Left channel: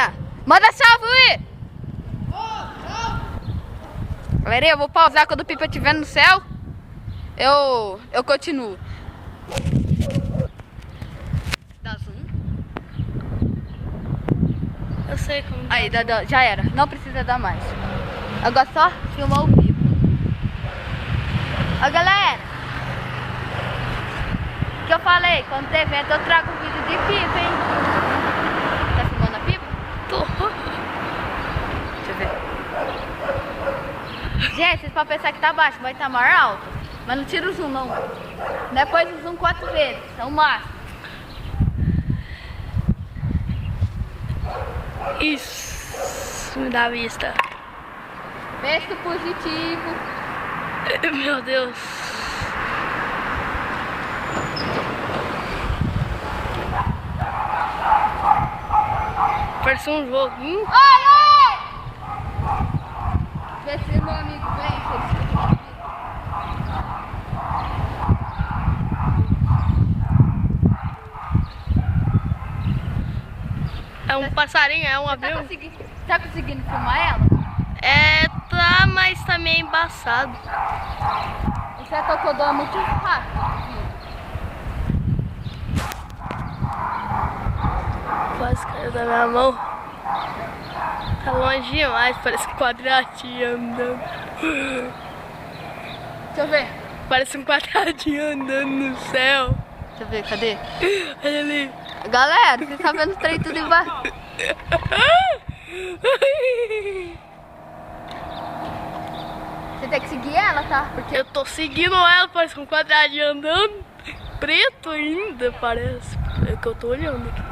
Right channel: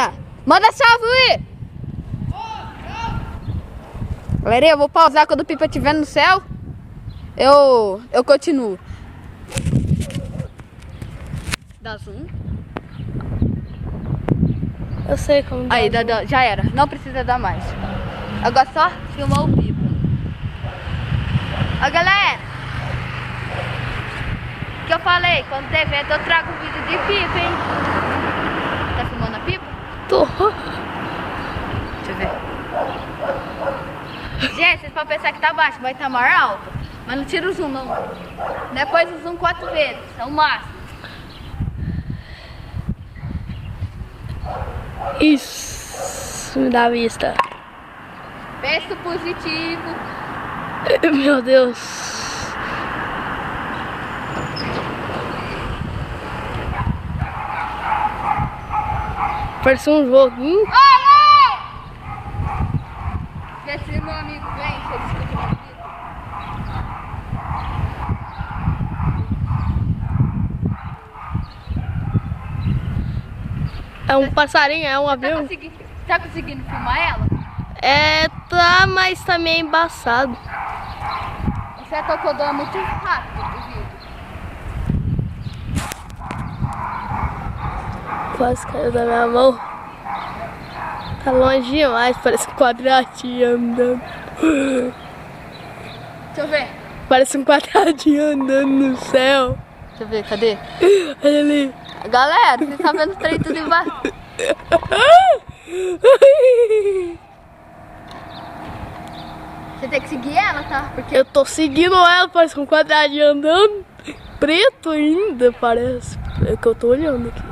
galerinha. Manda salve, Luí. Galerinha, eu vou pausar quando o Pipa estiver no céu. Eu continuo. Dá zoom. Eu sei como dá. Aí, já era. Não precisa dar mais. Agora só filmar o Pipa. Ó, galera. O que eu falei? Quando tem evento, eu trago vídeo de Pipa, hein? Tá filmando a Pipa? Tô. Deixa eu ver. Gente, vocês podem pensar que tá baixo, vai estar mais alto. Mas não tira o zoom, não. Depois o zoom 4 vezes. É o máximo. Isso me dá vista. Penso positivo. Meu Deus. Parece um joguinho. Oi! Esse meu amigo vem, que ele escuta. É um passarinho, é um avião. Tá conseguindo filmar ela? É, tá, mas tá meio embaçado. Você tocou é muito rápido, viu? Quase caiu da minha mão. Tá longe demais, parece um quadradinho andando. Deixa eu ver. Parece um quadradinho andando no céu. Deixa eu ver, cadê? Olha ali. Galera, você tá vendo o trem tudo embaixo? Você tem que seguir ela, tá? Porque Eu tô seguindo ela, parece um quadradinho andando. Preto ainda, parece. É que eu tô olhando aqui.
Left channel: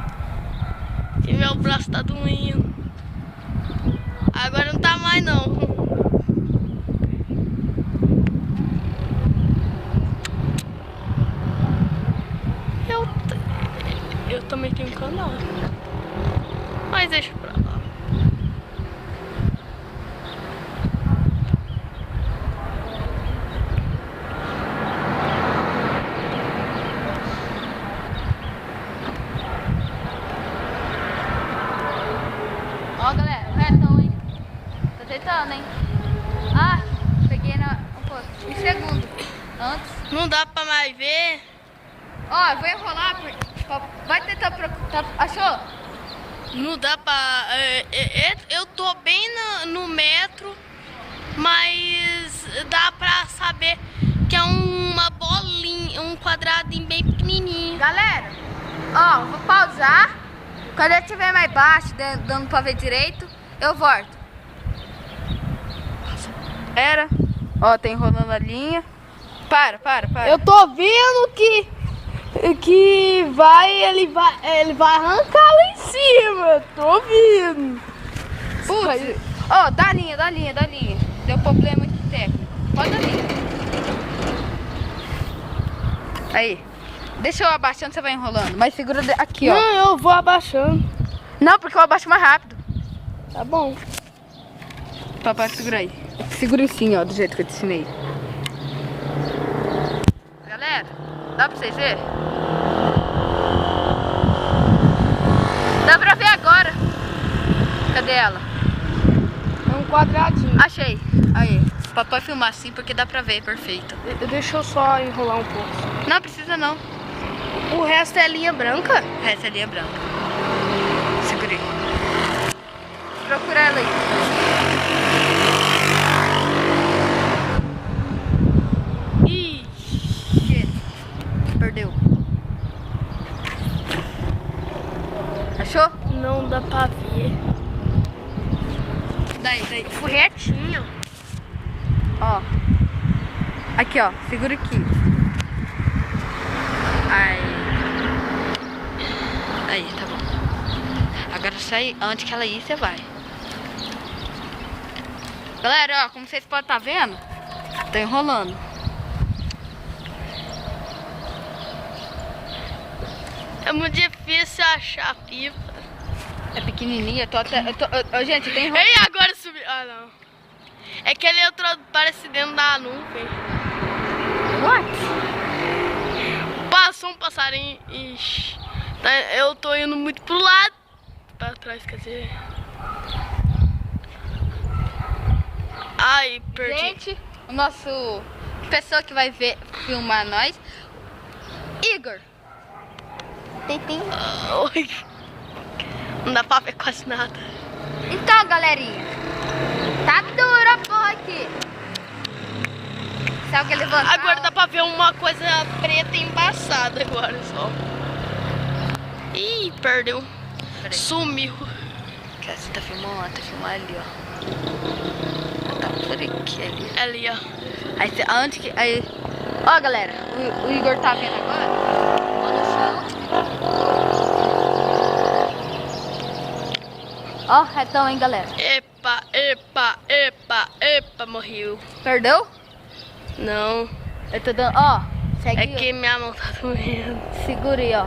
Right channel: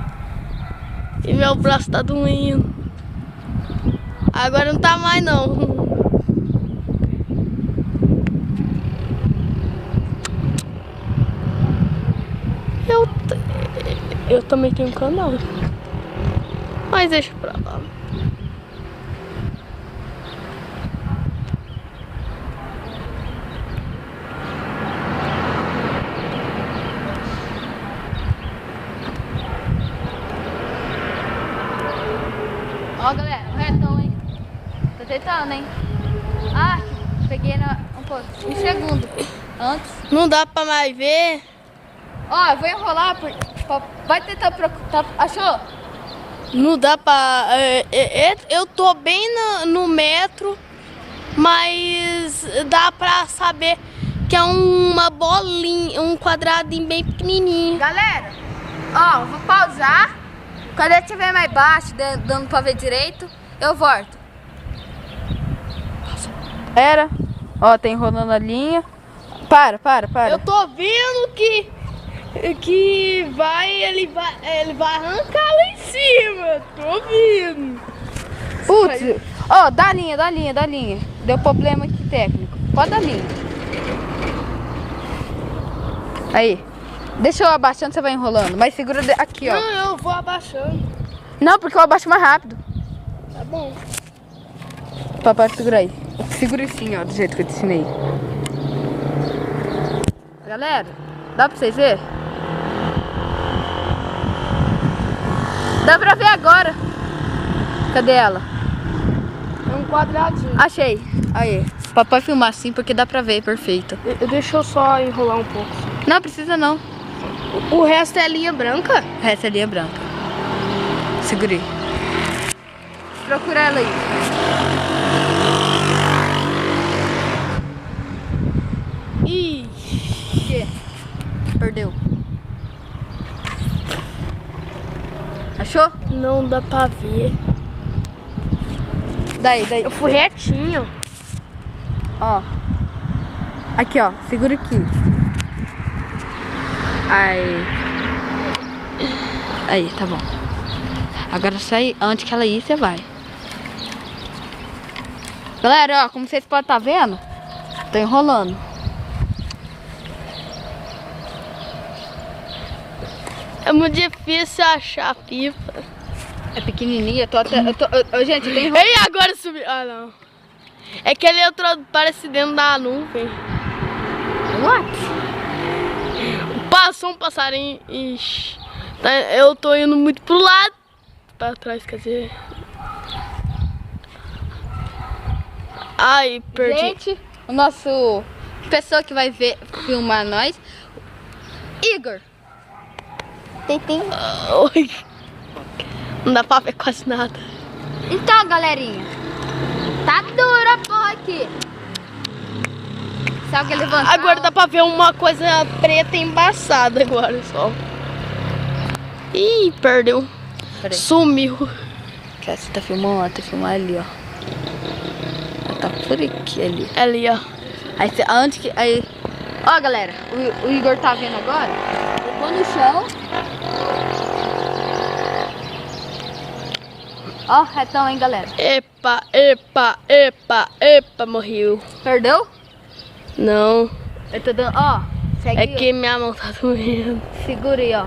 E meu braço tá doendo. Agora não tá mais, não. Eu também tenho um canal. Mas deixa pra lá. ó, galera, o retão, hein? Tô tentando, hein? Ah, peguei um pouco. Um segundo antes. Não dá pra mais ver. Ó, eu vou enrolar. Vai tentar procurar. Achou? Não dá pra... eu tô bem no metro, mas dá pra saber que é uma bolinha, um quadradinho bem pequenininho. Galera, ó, vou pausar. Quando eu estiver mais baixo, dando pra ver direito, eu volto. Era. Ó, tá enrolando a linha. Para. Eu tô vendo que ele vai arrancar lá em cima. Tô vendo. Putz, ó, dá linha. Deu problema aqui técnico. Pode dar linha. Aí. Deixa eu abaixando, você vai enrolando. Mas segura aqui, ó. Não, eu vou abaixando. Não, porque eu abaixo mais rápido. Tá bom. Papai, segura aí. Segura assim, ó, do jeito que eu te ensinei. Galera, dá pra vocês verem? Dá pra ver agora. Cadê ela? É um quadradinho. Achei. Aí. Papai filmar assim porque dá pra ver, perfeito. Deixa eu só enrolar um pouco. Não, precisa não. O resto é linha branca? O resto é linha branca. Segurei. Procura ela aí. Ih, O quê? Perdeu. Achou? não dá pra ver. Daí. Eu fui retinho. Ó. Aqui, ó. Segura aqui. Aí, tá bom. Agora sai antes que ela ir, você vai. Galera, ó, como vocês podem estar vendo, tô enrolando. É muito difícil achar a pipa. É pequenininha, gente, tem enrolando. Ei, agora subiu. Ah, não. É que ele entrou, parece dentro da nuvem. What? Passou um passarinho. Ixi. Eu tô indo muito pro lado. pra trás, quer dizer. Ai, perdi. Gente, o nosso pessoa que vai ver filmar nós, Igor. Tem. Oi. Não dá pra ver quase nada. Então, galerinha, tá dura a porra aqui. Se alguém levantar... Agora dá pra ver uma coisa preta embaçada agora só. Ih, perdeu. Peraí. Sumiu. Que você tá filmando? Tá filmando ali, ó. Ela tá por aqui, ali. Ali, ó. Aí, antes que... Aí... Ó, galera, o Igor tá vendo agora. Eu tô no chão. Ó, retão, hein, galera. Epa, morreu. Perdeu? Não, Eu tô dando... Ó, segue. é que minha mão tá doendo. Segura aí, ó.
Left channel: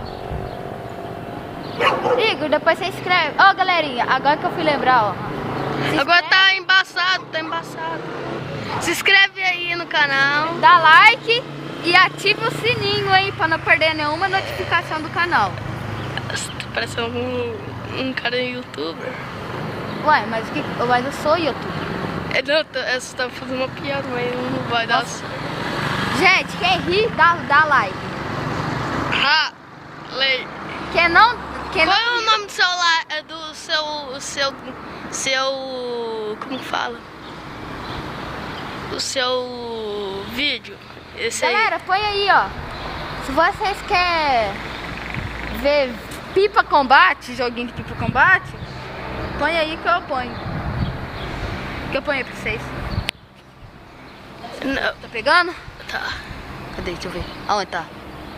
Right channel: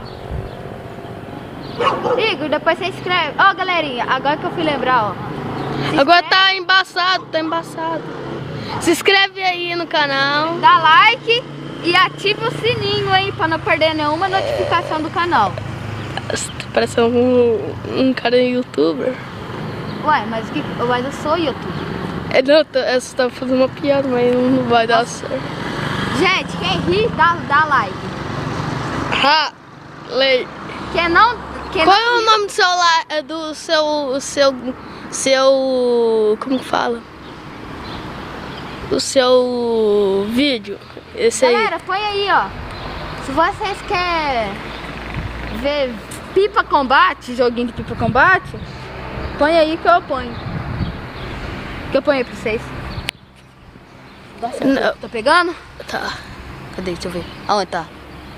Igor, depois você inscreve. Ó, galerinha, agora que eu fui lembrar, ó. Agora tá embaçado, Se inscreve aí no canal. Dá like e ativa o sininho aí pra não perder nenhuma notificação do canal. Parece um cara youtuber. Ué, mas eu sou youtuber. Não, eu só tava fazendo uma piada, mas não vai dar certo. Gente, quem ri, dá like. Quem não... Qual é o nome do seu... Como que fala? O seu vídeo. Esse Galera, aí. põe aí, ó. Se vocês querem ver Pipa Combate, joguinho de Pipa Combate, põe aí que eu ponho. Que eu ponho aí pra vocês. Não. Tá pegando? Tá. Cadê? Deixa eu ver. Aonde tá?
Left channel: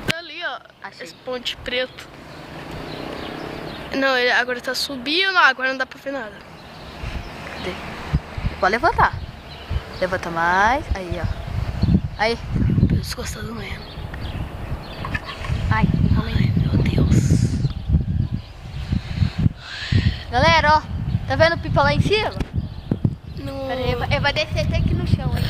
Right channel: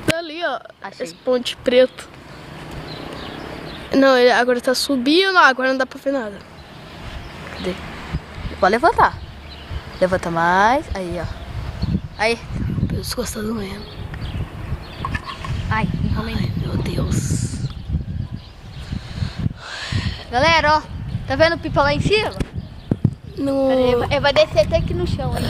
Tá ali, ó. Achei. Esse ponte preto. Não, ele agora tá subindo, agora não dá pra ver nada. Cadê? Pode levantar. Levanta mais. Aí, ó. Aí. O pescoço tá doendo. Ai, enrolei. Ai, meu Deus. Galera, ó. Tá vendo o Pipa lá em cima? No... Pera aí, ele vai descer até aqui no chão aí.